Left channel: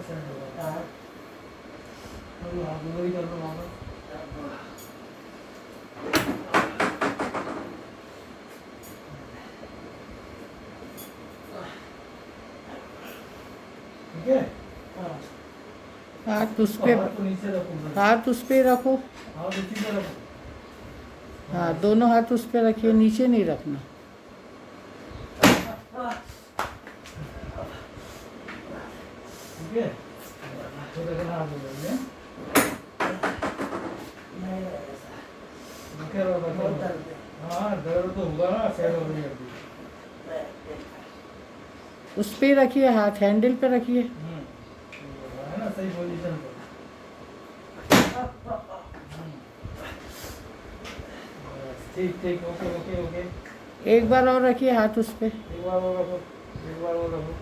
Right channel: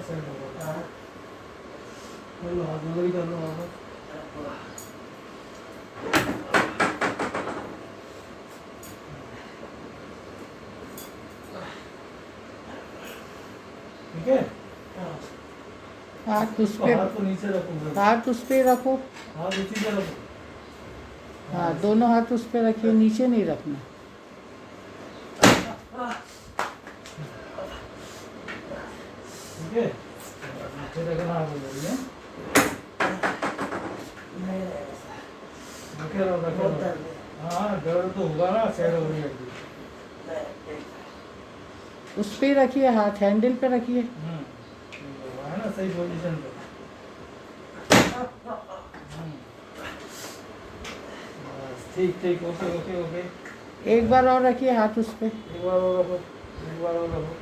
Set होगा। वही कर लो वापस। ठीक है। हाथ उस पे, हाथ को नीचे रखो। हाथ उस पे रखो। हाथ उसी पे रखो। हाँ, दोनों हाथ उस पे रखिए, नीचे नहीं रखना। ठीक है। नीचे रखना हाथ में। रखे रहो, रखे रहो। हाँ, दर्द तो होगा ना, सेट हो जाएगी। उस पे रखिए, हाथ हैंडल पे रखिए। है ना, सही पोजीशन पे। ठीक ठीक, ओके ओके ओके। एक बार और रखिए हाथ उस पे। एक बार और रखो, एक बार और रखो।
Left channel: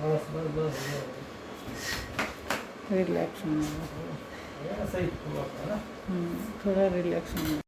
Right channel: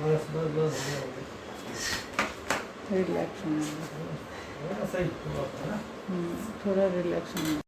बस बस बस, रिलैक्स होना। सही हुआ था ना। थोड़ा रिलैक्स होना।